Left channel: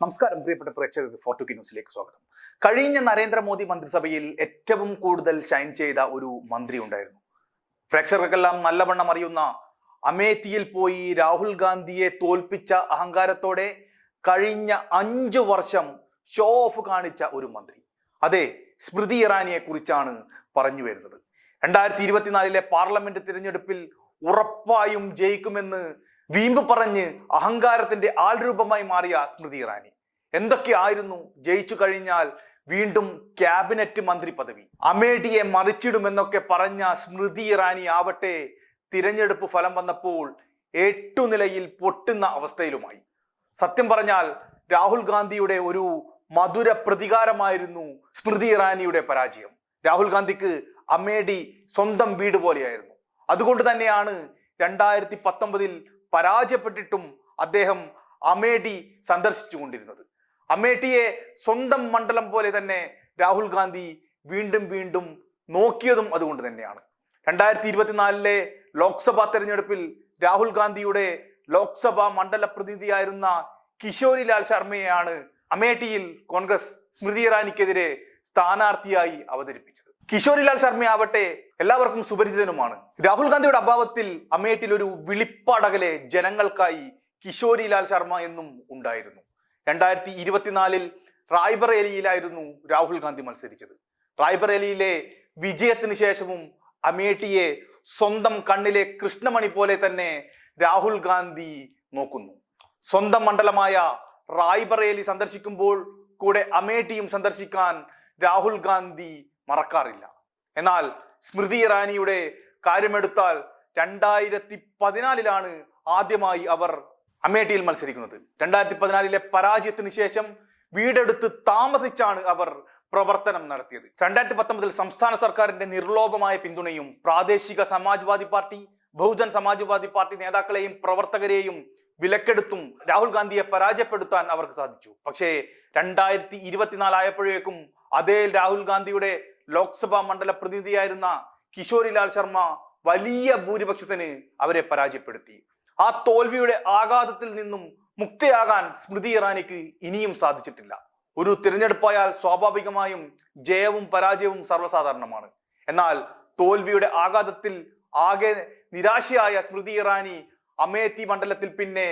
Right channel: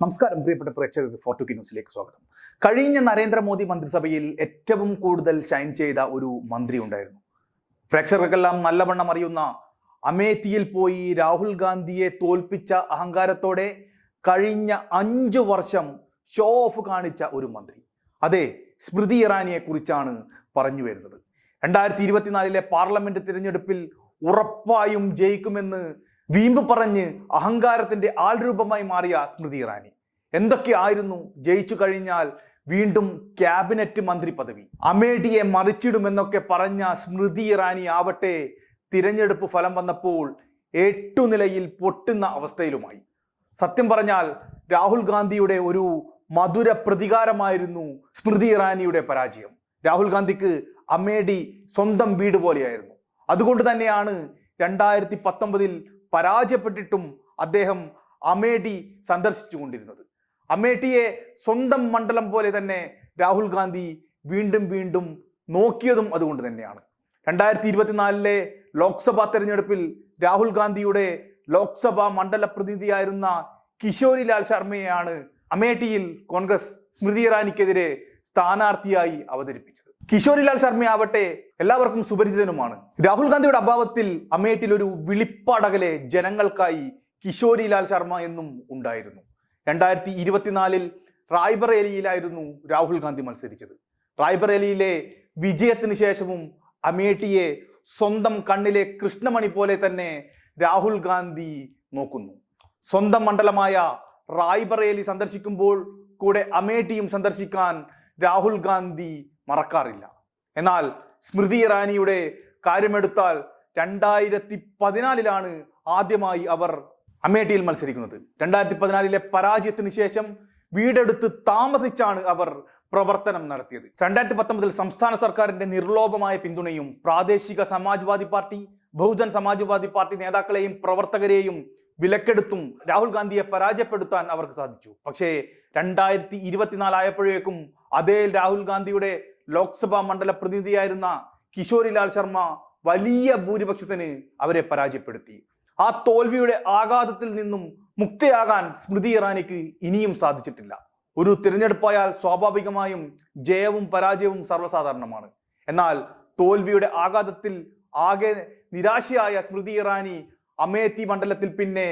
നമസ്കാരം പ്രിയപ്പെട്ട പ്രേക്ഷകർക്ക് ഫോർട്ടുക്കി ന്യൂസിലേക്ക് സ്വാഗതം. കഴിഞ്ഞ നരേന്ദ്രമോദി മന്ത്രിസഭയിൽ ഏറ്റവും കൂടുതൽ ഷൈൻ ചെയ്ത ഒരു മന്ത്രി ഉണ്ടായിരുന്നു. പ്രേക്ഷകർക്കെല്ലാം നല്ലവണ്ണം അറിയുന്ന അമേത്തിയിൽ പോയി രാഹുൽ ഗാന്ധിയെ തോൽപ്പിച്ച അഹങ്കാരത്തോടെ കഴിഞ്ഞ അഞ്ചു വർഷം ഷോ ഓഫ് കാണിച്ച ഒരു മന്ത്രി. അതെ സ്മൃതി ഇറാനിയെ കുറിച്ചാണ് പറഞ്ഞു വരുന്നത്. രണ്ടായിരത്തി ഇരുപത്തിനാലിലെ പാർലമെന്റ് തിരഞ്ഞെടുപ്പിൽ ഉറപ്പായും ജയിക്കുമെന്ന് വീമ്പ് പറഞ്ഞ് അഹങ്കാരത്തിന്റെ ആൾരൂപമായി മാറിയ സ്മൃതി ഇറാനി. എന്തൊക്കെയായിരുന്നു? ജയിച്ചു കഴിഞ്ഞാൽ വീണ്ടും ക്യാബിനറ്റ് മന്ത്രി പദവി. അമേഠിയെ മറിച്ചിടുമെന്നൊക്കെ പറഞ്ഞ സ്മൃതി ഇറാനി ആവട്ടെ തിരഞ്ഞെടുപ്പ് ഫലം വന്നപ്പോൾ എട്ടുനിലയിൽ പൊട്ടുന്ന അവസ്ഥയിലുമായി. സത്യം പറഞ്ഞാൽ രാഹുൽ ഗാന്ധിയുടെ ഒരു മധുര പ്രതികാരമായിരുന്നു സ്മൃതി ഇറാനിയുടെ പരാജയം. രാഹുൽ ഗാന്ധിക്ക് അമേഠി സ്വന്തം വീട് പോലെയായിരുന്നു. അതുകൊണ്ട് തന്നെയാണ് രണ്ടായിരത്തി പത്തൊമ്പതിൽ പരാജയപ്പെട്ടിട്ടും അദ്ദേഹം അമേഠി സന്ദർശിച്ചുകൊണ്ടിരുന്നത്. അമേഠിയെ സ്വന്തം മണ്ഡലം പോലെ തന്നെ രാഹുൽ ഗാന്ധി വീണ്ടും വീണ്ടും നോക്കിയതും അതുകൊണ്ട് തന്നെയാണ്. രണ്ടായിരത്തി ഇരുപത്തിനാലിലെ ലോക്സഭാ തെരഞ്ഞെടുപ്പിൽ രാഹുൽ ഗാന്ധിയുടെ ലോക്സഭാ മണ്ഡല പ്രതിനിധിയായിരുന്ന കിഷോരി ലാൽ ശർമ്മയെയാണ് അമേഠിയിൽ കോൺഗ്രസ് സ്മൃതി ഇറാനിക്കെതിരെ സ്ഥാനാർത്ഥിയായി അവതരിപ്പിച്ചത്. കിഷോരിലാൽ ശർമ്മയാവട്ടെ എല്ലാവർക്കും സുപരിചിതനുമാണ്. രാഹുൽ ഗാന്ധിയുടെ അഭാവത്തിൽ അമേറ്റിൽ ഒരു വിളിപ്പാടകലെ ജനങ്ങൾക്കായി കിഷോരിലാൽ ശർമ്മ എന്നും ഉണ്ടായിരുന്നു. രണ്ടായിരത്തി ഇരുപത്തിനാലിൽ റായ്ബറേലിയിലായിരുന്നു രാഹുൽ ഗാന്ധി മത്സരിച്ചത്. റായ്ബറേലിയിലെ വിജയത്തിന് ശേഷവും അമേഠിയെ സ്വന്തം കണ്ണിലെ കൃഷ്ണമണി പോലെ തന്നെ രാഹുൽ ഗാന്ധി നോക്കുന്നു. സ്വന്തം മണ്ഡലമായ റായ്ബറേലി സന്ദർശിക്കുമ്പോൾ കൂടെ അമേഠിയും സന്ദർശിക്കാൻ രാഹുൽ ഗാന്ധി മറക്കാറില്ല. എന്നാൽ സ്മൃതി ഇറാനിയുടെ കാര്യമെടുത്താൽ രണ്ടായിരത്തി പതിനാലിലാണ് ആദ്യമായി അവർ അമേഠിയിൽ മത്സരിക്കുന്നത്. രണ്ടായിരത്തി പതിനാലിലെ പരാജയത്തിന് ശേഷം വീടെടുത്ത് താമസിച്ചാണ് അവർ പ്രവർത്തനം നടത്തിയത്. രണ്ടായിരത്തി പത്തൊമ്പതിൽ സംസ്ഥാന സർക്കാരിന്റെ നിർലോഭമായ പിന്തുണയും പ്രാദേശിക സമാജ്വാദി പാർട്ടി ബഹുജൻ സമാജ്വാദി പാർട്ടി നേതാക്കളെയും പ്രവർത്തകരെയും വിലക്കെടുത്തും രാഹുൽ ഗാന്ധിയെ പരാജയപ്പെടുത്താൻ അവർക്ക് സാധിച്ചു. പക്ഷേ രണ്ടായിരത്തി ഇരുപത്തിനാലായപ്പോഴേക്കും അതേ രാഹുൽ ഗാന്ധിയുടെ ലോക്സഭാ മണ്ഡല പ്രതിനിധിയായിരുന്ന കിഷോരിലാൽ ശർമ്മ വലിയ ഭൂരിപക്ഷത്തിന് അവരെ പരാജയപ്പെടുത്തി. ആ തോൽവിയുടെ ആഘാതത്തിൽ നിന്നും മുക്തയാകാൻ സ്മൃതി ഇറാനിക്ക് ഇനിയും സാധിച്ചിട്ടില്ല. ഒരു തിരഞ്ഞെടുപ്പായാൽ സ്വാഭാവികമായും ജയവും പരാജയവും സർവസാധാരണമാണ്. എന്നാൽ തോൽവിയുടെ ആഘാതത്തിൽ ആകെ നിരാശയായ സ്മൃതി ഇറാനി അമേത്തി മണ്ഡലത്തിൽ പിന്നെ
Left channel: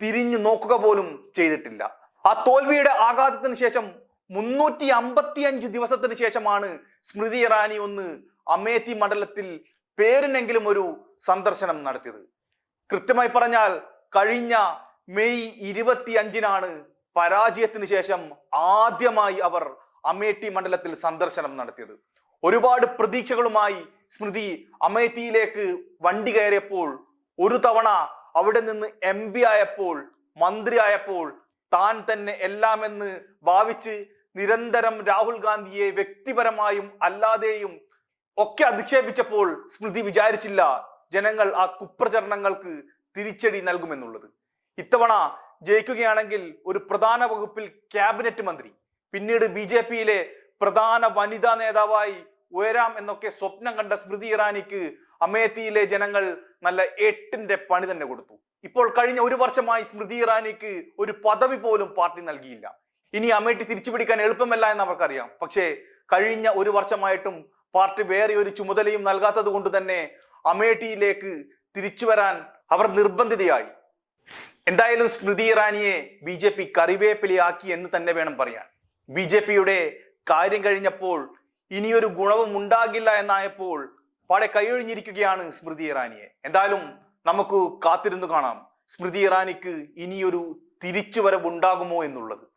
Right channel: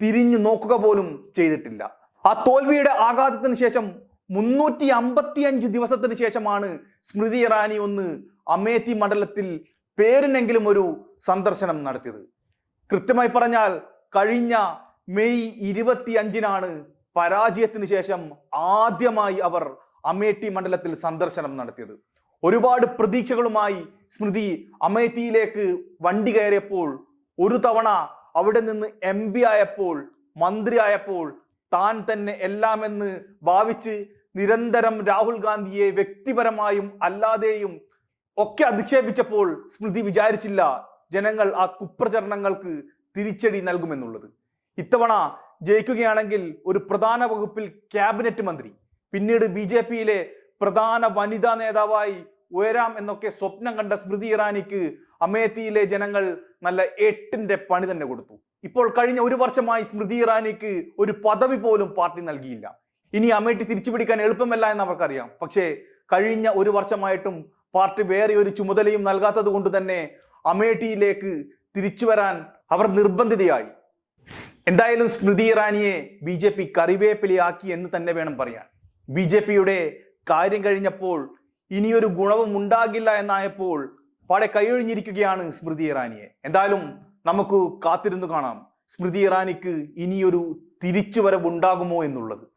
തിരിഞ്ഞു നോക്കുക പോലും ചെയ്തിട്ടില്ല. ആ തോൽവിയുടെ ആഘാതത്തിന് ശേഷം മുന്നൂറ്റി അമ്പത്തിയഞ്ച് ദിവസത്തിന് ശേഷമാണ് സ്മൃതി ഇറാനി ഒന്ന് അമേത്തി മണ്ഡലത്തിൽ പേരിനെങ്കിലും ഒരു സന്ദർശനം നടത്തിയത്. കൃത്യമായി പറഞ്ഞാൽ കഴിഞ്ഞ മെയ് ഇരുപത്തി അഞ്ചിനാണ് പരാജയത്തിന് ശേഷം ആദ്യമായി അവർ അമേഠി മണ്ഡലത്തിൽ സന്ദർശനം നടത്തിയത്. ഒരുപാട് പ്രതീക്ഷകളുമായി സ്മൃതി അമേത്തിയിലേക്ക് വണ്ടി കയറിയപ്പോൾ ഒരു തവണ അവിടെ നിന്ന് എം ആയപ്പോൾ മന്ത്രി ആയപ്പോൾ താൻ തന്നെ എല്ലാമെന്ന് ഭാവിച്ച് നിരന്തരം രാഹുൽ ഗാന്ധിയെ വ്യക്തിപരമായും അല്ലാതെയും ഒക്കെ അധിക്ഷേപിച്ചപ്പോൾ സ്മൃതി വിചാരിച്ചില്ല ജനങ്ങൾ ആ കുപ്രചരണങ്ങൾക്ക് തിരിച്ചടി നൽകുമെന്നുള്ളത്. ഇത്തവണ ജയിക്കുകയാണെങ്കിൽ ഒരു പ്രധാന വകുപ്പിൽ ക്യാബിനറ്റ് മന്ത്രി പിന്നീട് ബി ജെ പിയിലെ പ്രധാന വനിതാ നേതാവായി ഉയരാം എന്നൊക്കെ സ്വപ്നം കണ്ട സ്മൃതി ഇറാനിക്ക് അമേത്തിയിലെ ജനങ്ങൾ നല്ല എട്ടിന്റെ പണി തന്നെ കൊടുത്തു. ഇപ്പോൾ കഴിഞ്ഞ ഒരു വർഷമായി സ്മൃതി ഇറാനിക്ക് ഒരു പദവി പോലും പാർട്ടി നൽകിയില്ല. ഇനി അമേഠി തിരിച്ചുപിടിക്കാൻ എളുപ്പമല്ല എന്ന് അവർക്കറിയാം. പക്ഷേ കഴിഞ്ഞ ഒരു വർഷമായിട്ടും പാർട്ടി വേറെ ഒരു ചുമതലയും നൽകാത്തത് കൊണ്ട് തന്നെ അമേഠിയിലേക്ക് തിരിച്ചു വരാൻ അവർ നിർബന്ധിതയായി. എന്തായാലും സ്മൃതി ഇറാനിയെ ബി ജെ പി കറിവേപ്പിലയാക്കി എന്ന് തന്നെ വേണം പറയാൻ. ബി ജെ പിയുടെ കാര്യം കഴിഞ്ഞപ്പോൾ ഇനിയൊരു ഗുണവും ഉണ്ടാകില്ല എന്നായപ്പോൾ പാടെ കൈയൊഴിഞ്ഞിരിക്കുകയാണ് സ്മൃതി ഇറാനിയെ. എന്തായാലും നമുക്ക് കാത്തിരുന്നു കാണാം. സ്മൃതി ഇറാനിക്ക് ഇനിയൊരു തിരിച്ചുവരവ് ഉണ്ടാകുമോ എന്നുള്ളത്.